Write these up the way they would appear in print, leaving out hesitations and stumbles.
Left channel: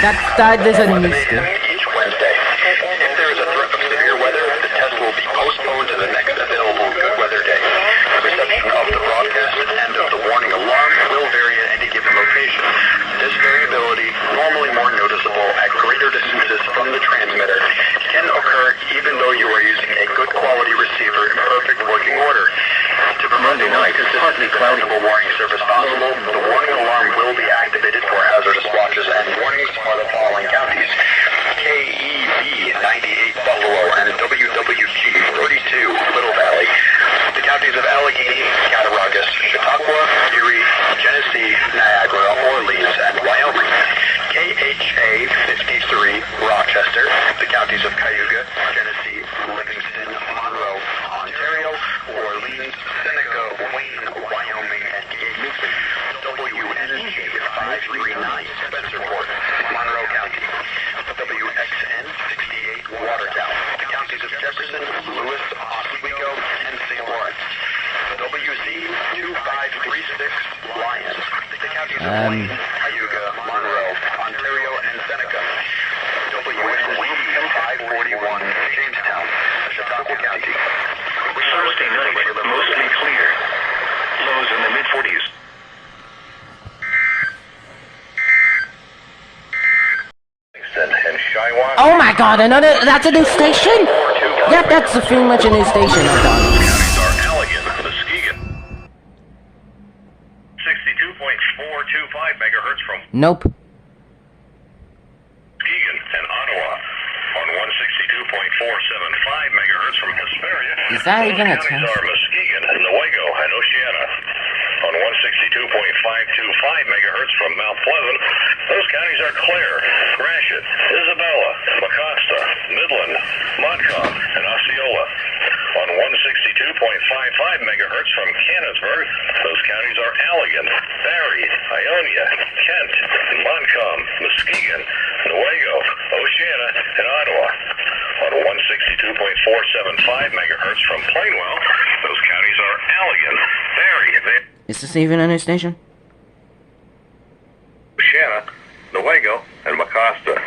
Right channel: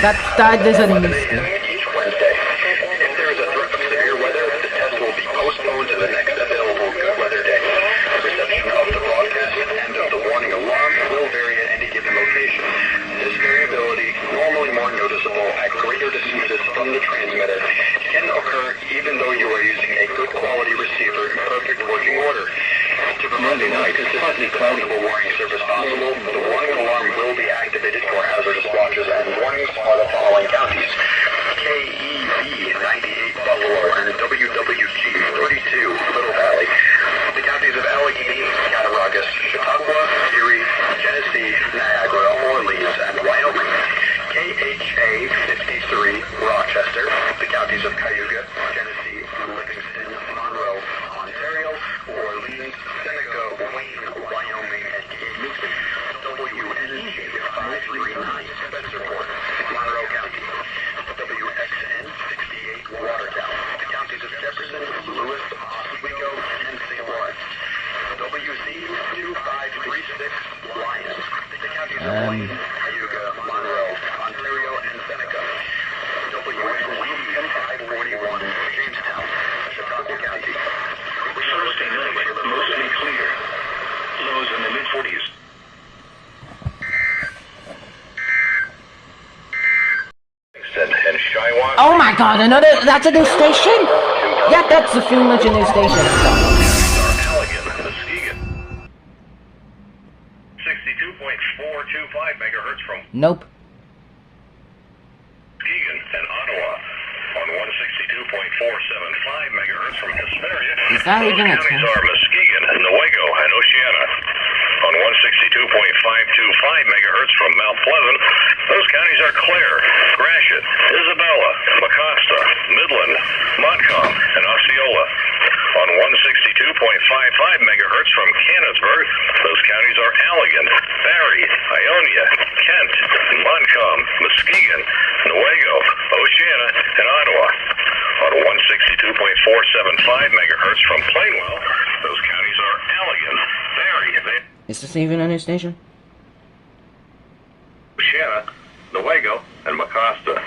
That is a new school. Each Wednesday. If there is a threat of severe weather, the test will be postponed to the next available good weather day. Reception of the broadcast and of the warning alarm will vary at any given location. This variability, normally more noticeable at greater distances from the transmitter, can occur even though you are using a good quality receiver in perfect working order. To provide the most consistently cloudable warning service possible, the warning alarm will be activated for hazardous watches and warnings for the following counties: KEB 98 Buffalo and WWG 32 Little Valley. The counties of Allegheny, Cattaraugus, Chautauqua, Erie, Genesee, Niagara, Orleans, and Wyoming. KHA 53 Rochester. The counties of Cayuga, Genesee, Livingston, Monroe, Ontario, Orleans, Seneca, Wayne, Wyoming, and Newton. WNG 539 Spencerport, Monroe County. WXN 68 Watertown. Counties of Jefferson, Lewis, Oswego, and St. Lawrence. WZ 2536 Lyons. The counties of Wayne, Cayuga, Monroe, Ontario, and Seneca. WNZ 541 Jamestown, Chautauqua County. Thursday night, mostly clear. Lows in the mid-40s. Oh my god, that's a new station? Yep, that's pretty much a new station. Allegan, Muskegon. 62.425 megahertz from Nope. Muskegon and Ottawa. On 162.475 megahertz from Hesperia. Is that even a Those counties test? are Muskegon, Newaygo, and Oceana. On 162.525 megahertz from Mount Pleasant, those counties are Clare, Gratiot, Isabella, Mecosta, Midland, Montcalm, and Osceola. On 162.55 megahertz from Canonsburg, those counties are Allegan, Barrie, Ionia, Kent, Montcalm, Muskegon, Newaygo, Oceana, and Ottawa. On 162.475 megahertz from Plainwell, those counties are Allegan, Barrie, Is this even a new station? Oceana, Newaygo, and Mecosta.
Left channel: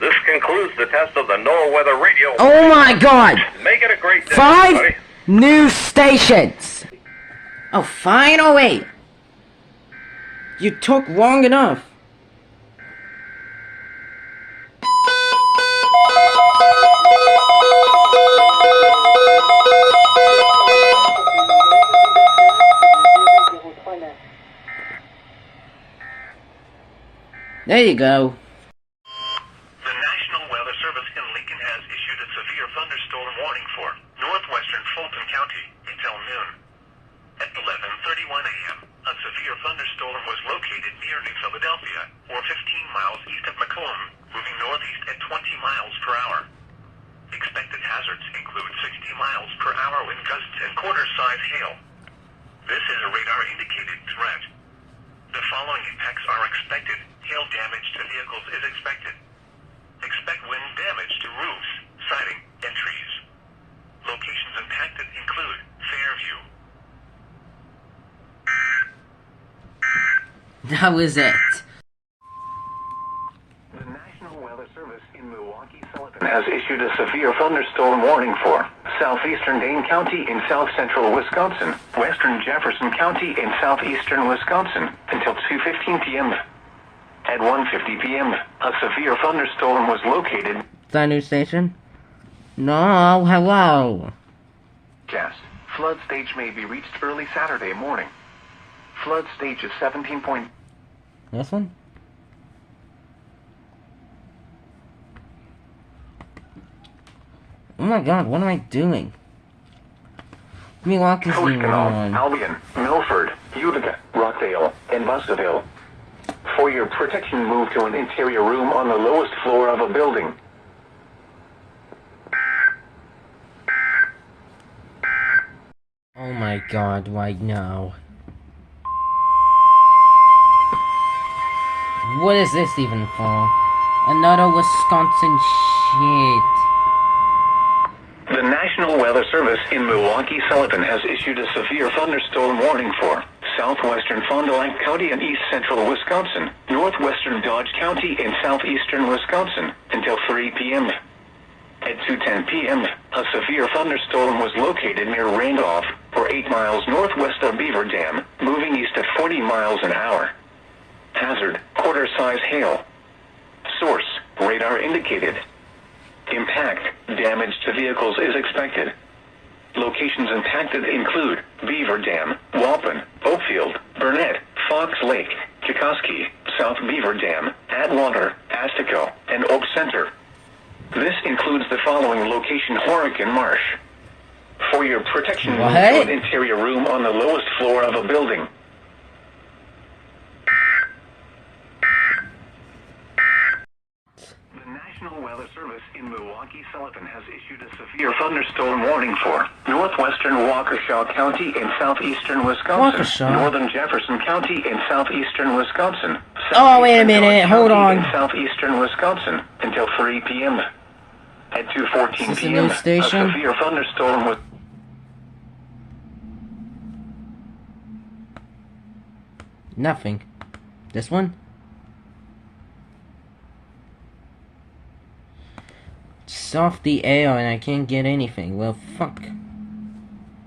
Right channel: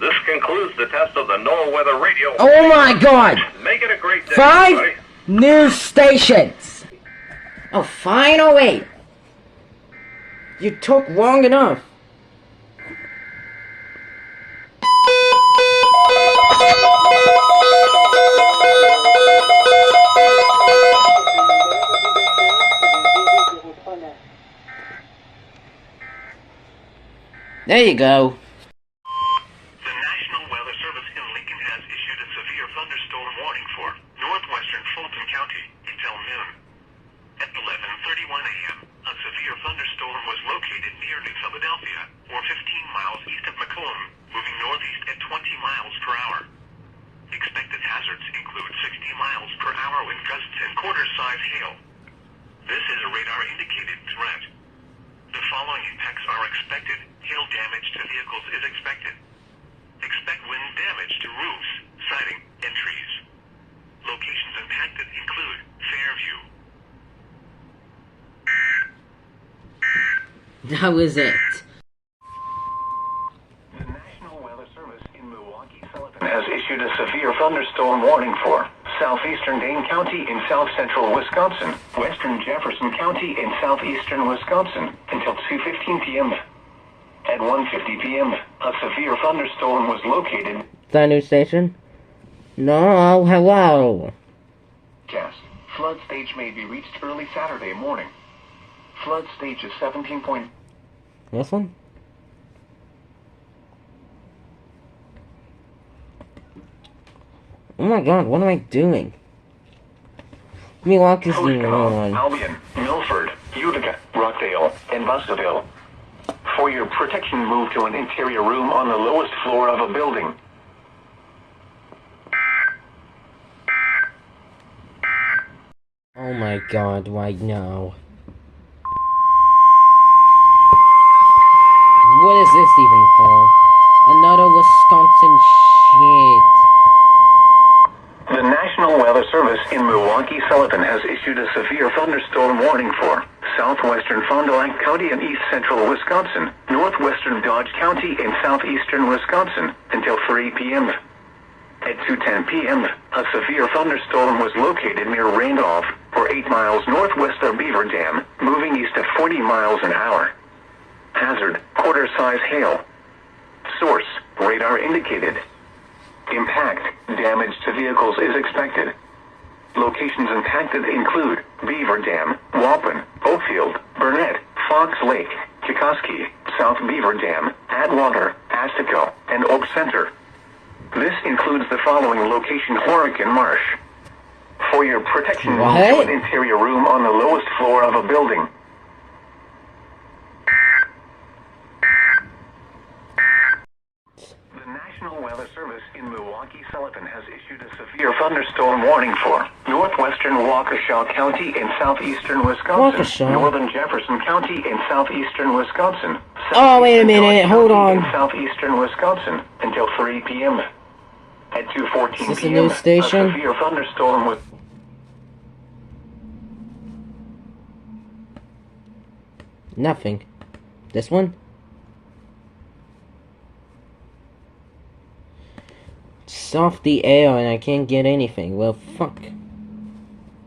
This concludes the test of the NOAA Weather Radio. Oh my god! Make it a great day, 5 everybody. new stations! Oh, finally! You took long enough. There you go. The National Weather Service in Lincoln has issued a severe thunderstorm warning for northwestern Fulton County until noon. At 11:31 a.m., a severe thunderstorm was located near New Philadelphia, or 15 miles east of Macomb, moving northeast at 20 miles per hour. Expected hazards include 60 miles per hour wind gusts and quarter-size hail. This is a radar-indicated threat. The following impacts are expected. Hail damage to vehicles is expected. Expect wind damage to roofs, siding, and trees. Locations impacted include Fairview. That was it. The National Weather Service in Milwaukee Sullivan has issued a severe thunderstorm warning for southeastern Dane County in south-central Wisconsin, western Jefferson County in southeastern Wisconsin until 2:15 p.m. At 1:50 p.m., a severe thunderstorm was located. Is that a new station? No, hello. Cast. Flood stage may be reached early Saturday morning. Flood stage is 17 point. This one? Oh my god, what am I doing? Milwaukee's the Koshkonong, one. Albion, Milford, Utica, Rockdale, and Bussaville. For your protection, move to an interior room on the lowest floor of a building. Oh my god, right now. What is this even for? Another Wisconsin shit. The National Weather Service in Milwaukee Sullivan has issued a severe thunderstorm warning for southwestern Fond du Lac County and east central Wisconsin, northwestern Dodge County and southeastern Wisconsin, until 3 p.m. At 2:10 p.m., a severe thunderstorm was located near Randolph, or 8 miles northwest of Beaver Dam, moving east at 40 miles an hour. Hazard, quarter-size hail. Source, radar indicated. Impact, damage to vehicles is expected. Locations impacted include Beaver Dam, Walpen, Oakfield, Burnett, Fox Lake, Kikoski, South Beaver Dam, Atwater, Astico, and Oak Center. This includes the following location: Horicon Marsh. For your protection, move to an interior room on the lowest floor of a building. The National Weather Service in Milwaukee-Sullivan has issued a severe thunderstorm warning for northwestern Waukesha County and southeastern Wisconsin, Waukesha? northern Jefferson County and southeastern Wisconsin. Oh, wait a minute, hold on. In southeastern Wisconsin until 3 p.m. At 2:14 Is this a p.m., news station? a severe thunderstorm was Nothing. This one? It's off the air and I can't get anything. Well, fuck.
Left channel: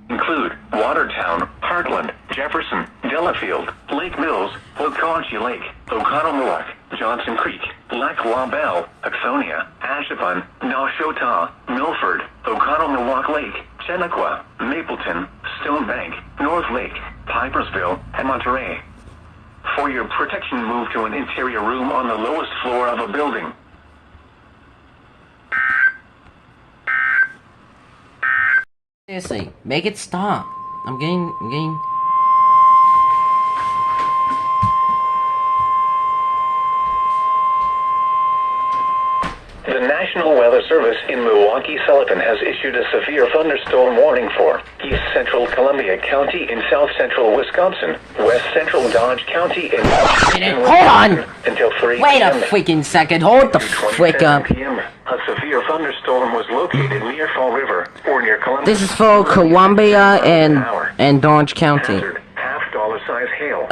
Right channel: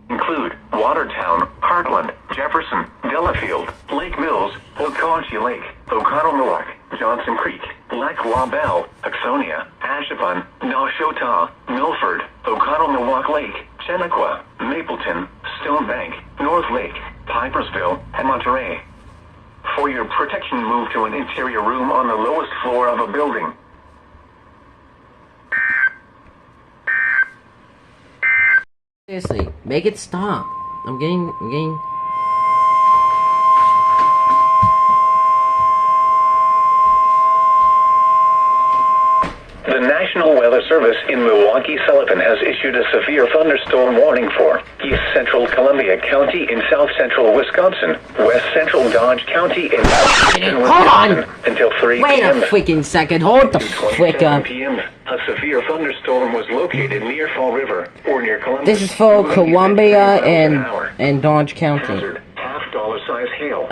include Watertown, Heartland, Jefferson, Delafield, Lake Mills, Oconee Lake, Oconomowoc, Johnson Creek, Lac La Belle, Axonia, Ashevin, Nashotah, Milford, Oconomowoc Lake, Chenequa, Mapleton, Stone Bank, North Lake, Pipersville, and Monterey. For your protection, move to an interior room on the lowest floor of a building. Seriously, make it stop. I'm getting... The National Weather Service in Milwaukee-Sullivan has issued a severe thunderstorm warning for east central Columbia County in south central Wisconsin, west central Dodge County in southeastern Wisconsin until 3 Wait p.m. a freaking second, hold the frick up. p.m. A severe thunderstorm was located near Fall River or near Columbia. This is for Columbia and Dodge County. Hazard, half-dollar size hail.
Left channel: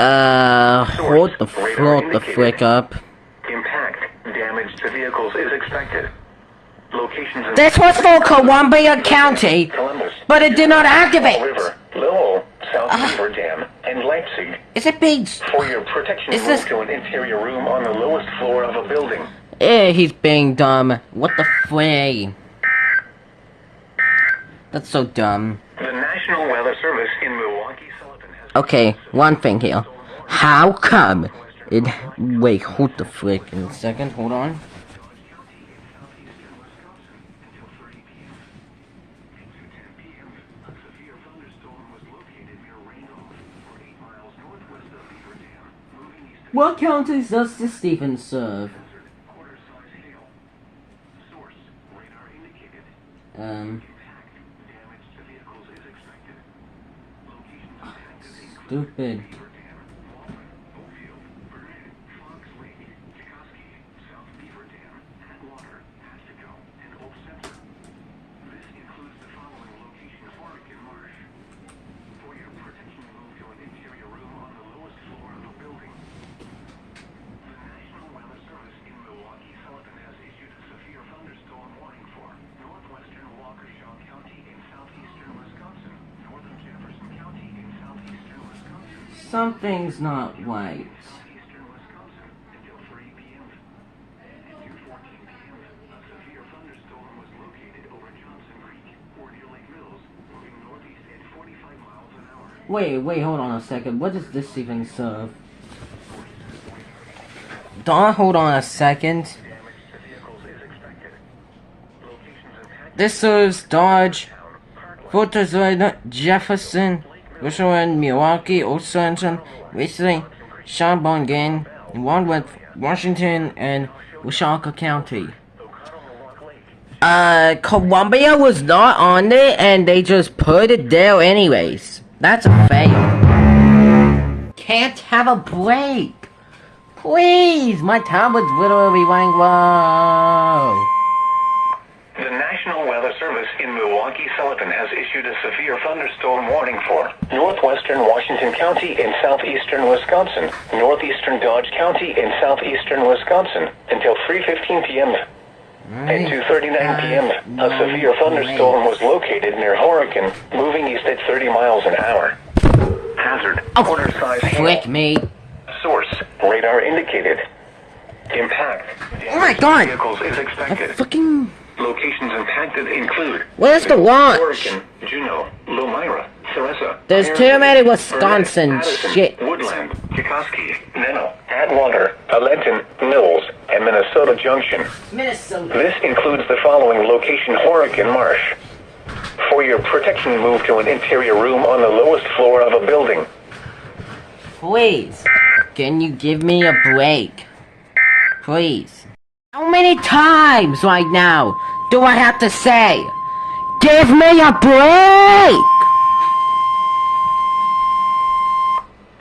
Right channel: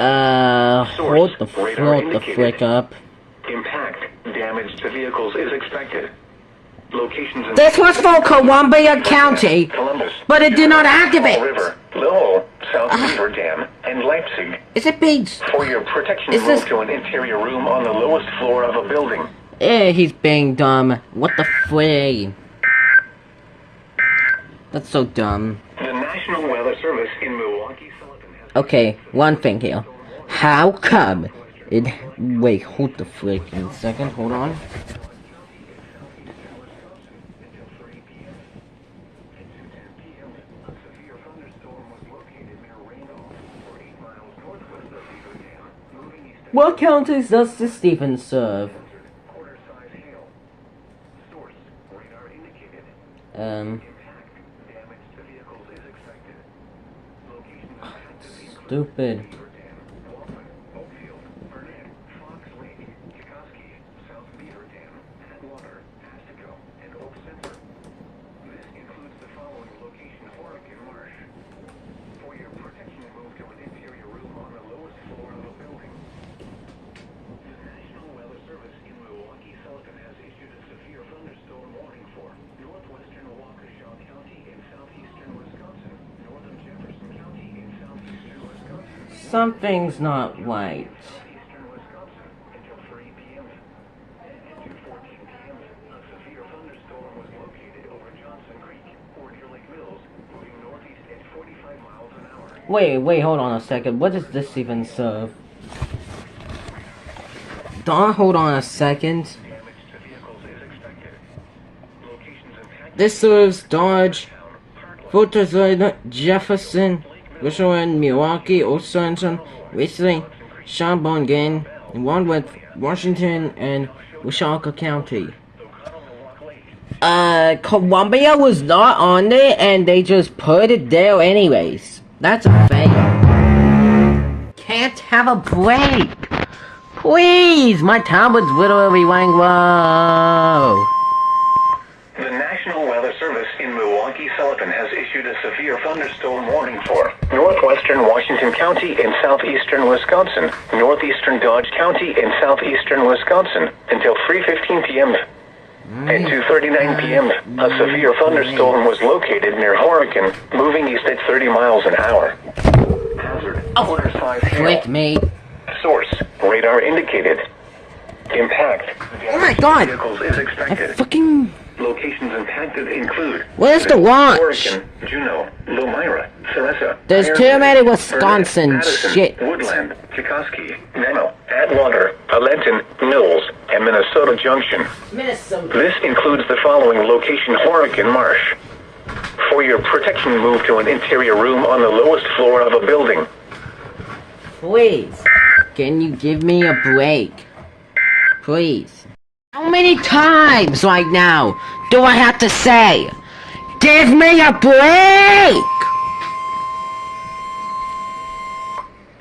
Hold the frick up. Impact, damage to vehicles is expected. Locations in This was for Columbia County, Columbus, but it did not activate. Fall River, Lowell, South Beaver Dam, and Leipzig. Is it Beach? For your protection, Is move this- to an interior room on the lowest floor of a building. He's being dumb. What the frick? That's so dumb. The National Weather Service in Milwaukee-Sullivan has... Okay, one thing here. How come it... Wait, hold the frick in a second, hold on. What counties does the Stevens serve? Stupid. Something's not right. Wait, hold on a second. What does this even serve? Don't hold on a second. This serves Dodge, Fulton, Jefferson, Richland, Milwaukee, Wisconsin, Wesley, Sheboygan, Wentworth, Washington, and Wichita County. Columbia was not on there, and they just put it there anyways. That's a fail. Can't have a break. Please, my tablet's literally running low. The National Weather Service in Milwaukee-Sullivan has issued a severe thunderstorm warning for northwestern Washington County and southeastern Wisconsin, northeastern Dodge County and southeastern Wisconsin until 3:15 p.m. At 2:39 p.m., a severe thunderstorm was located near Horicon, moving east at 30 miles an hour. Hazard, quarter-size hail. Frick me. Source, radar indicated. Impact. Oh my God. Vehicles is expected. Fucking... Locations impacted include Where's the launch? Horicon, Juneau, Lomira, Theresa. There's Iron too many Burnett, Wisconsin Madison, shit. Woodland, Chikoski, Nano, Atwater, Alenton, Mills, and Minnesota Junction. Minnesota. This includes the following location: Horicon Marsh. For your protection, move to an interior room on the lowest floor of a building. Please, can you give me a break? Please. How many times right now do I have to say, give me a break?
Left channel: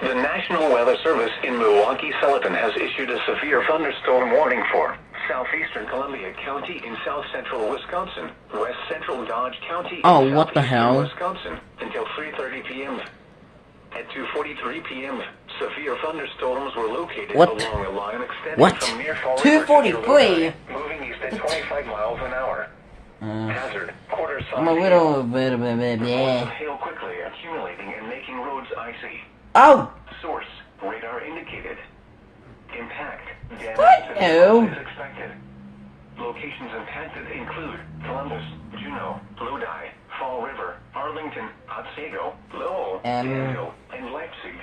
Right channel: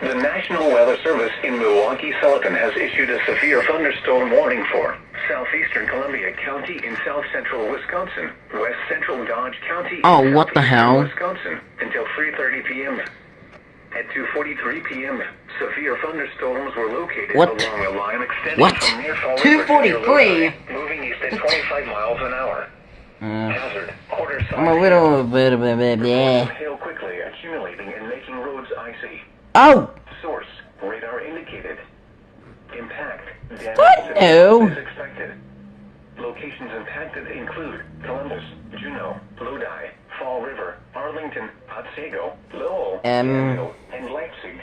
The National Weather Service in Milwaukee-Sullivan has issued a severe thunderstorm warning for southeastern Columbia County in south central Wisconsin, west central Dodge County in Oh, what the southeastern hell? Wisconsin until 3:30 p.m. At 2:43 p.m., severe thunderstorms were located What? along a line extending What? from near Fall River 2:43? to moving east at 25 miles an hour. Hazard, quarter-size I'm a little bit of a reports of yeah. hail quickly accumulating and making roads icy. Oh, Source, radar indicated. Impact, damage What? to No. vehicles is expected. Locations impacted include Columbus, Juneau, Lodi, Fall River, Arlington, Otsego, Lowell, Danville, and Leipzig.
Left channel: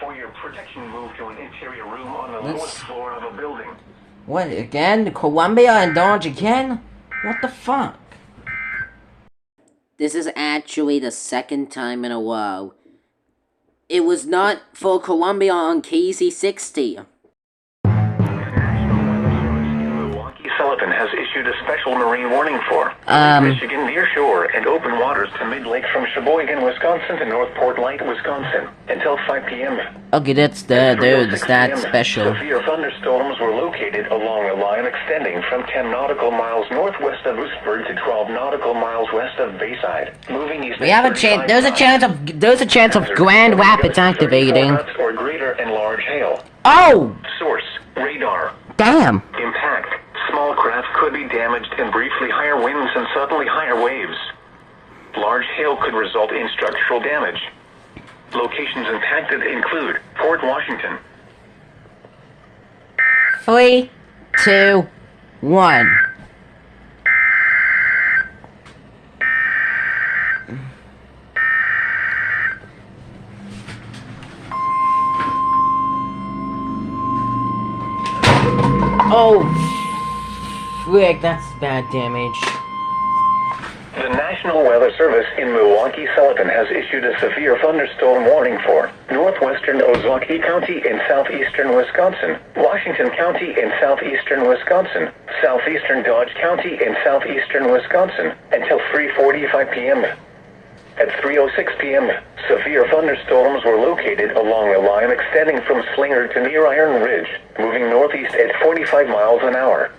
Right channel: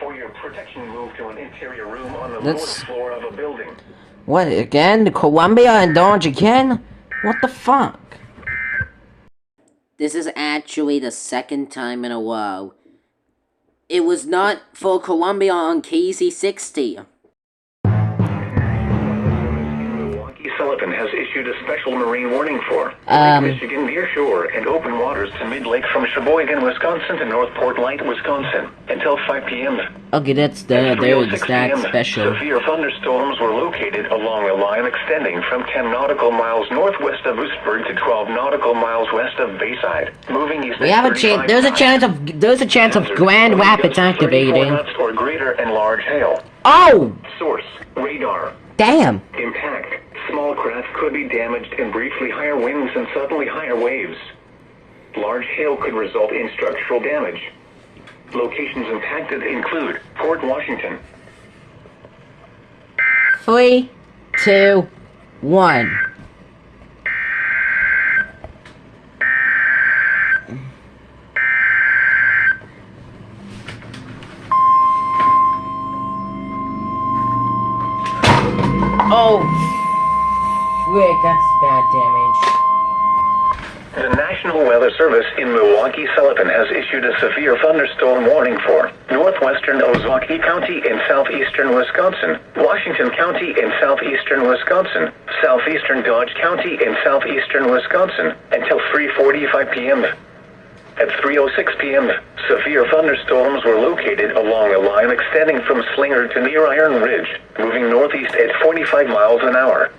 For your protection, move to an interior room on the Let's- lowest floor of a building. what again? Columbia and Dodge again? What the fuck? This is actually the second time in a row. It was not for Columbia on KZ60. National Weather Service in Milwaukee-Sullivan has issued a special marine warning for Lake Michigan near shore and open waters to mid-lake from Sheboygan, Wisconsin to North Portland, Wisconsin until 5 p.m. Okay, that's the dude. It's that 3:06 special. Severe thunderstorms were located along a line extending from 10 nautical miles northwest of Oostburg to 12 nautical miles west of Bayside, moving east. We have a chance. There's a chance of Grand Rapids activating. Or greater and large hail. Oh, Source: radar. damn. Impact. Small craft could be damaged and briefly higher winds and suddenly higher waves. Large hail could result in structural damage. Locations impacted include Port Washington. 3, 2, 1. Oh, frick, that's bad damage. The National Weather Service in Milwaukee-Sullivan has issued a severe thunderstorm warning for northwestern Ozaukee County in southeastern Wisconsin, Washington County in southeastern Wisconsin, southeastern Dodge County in southeastern Wisconsin until 3:45 p.m. At 3:06 p.m., severe thunderstorms were located along a line extending from Slinger to near Iron Ridge, moving northeast at 45 miles an hour.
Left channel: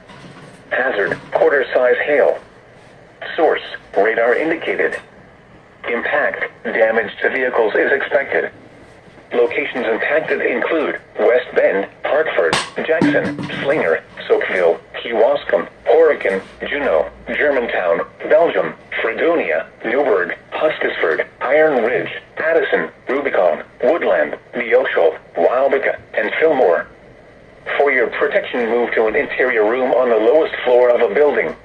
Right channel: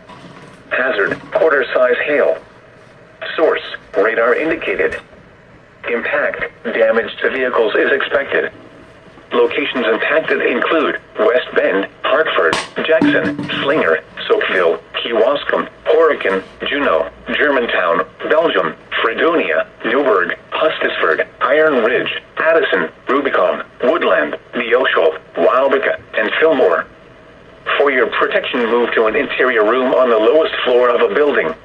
Hazard, quarter-size hail. Source, radar indicated. Impact, damage to vehicles is expected. Locations impacted include West Bend, Hartford, Jackson, Slinger, Soakville, Kewaskum, Horicon, Juneau, Germantown, Belgium, Fredonia, Newburgh, Hustisford, Iron Ridge, Addison, Rubicon, Woodland, Neosho, Wildeka, and Fillmore. For your protection, move to an interior room on the lowest floor of a building.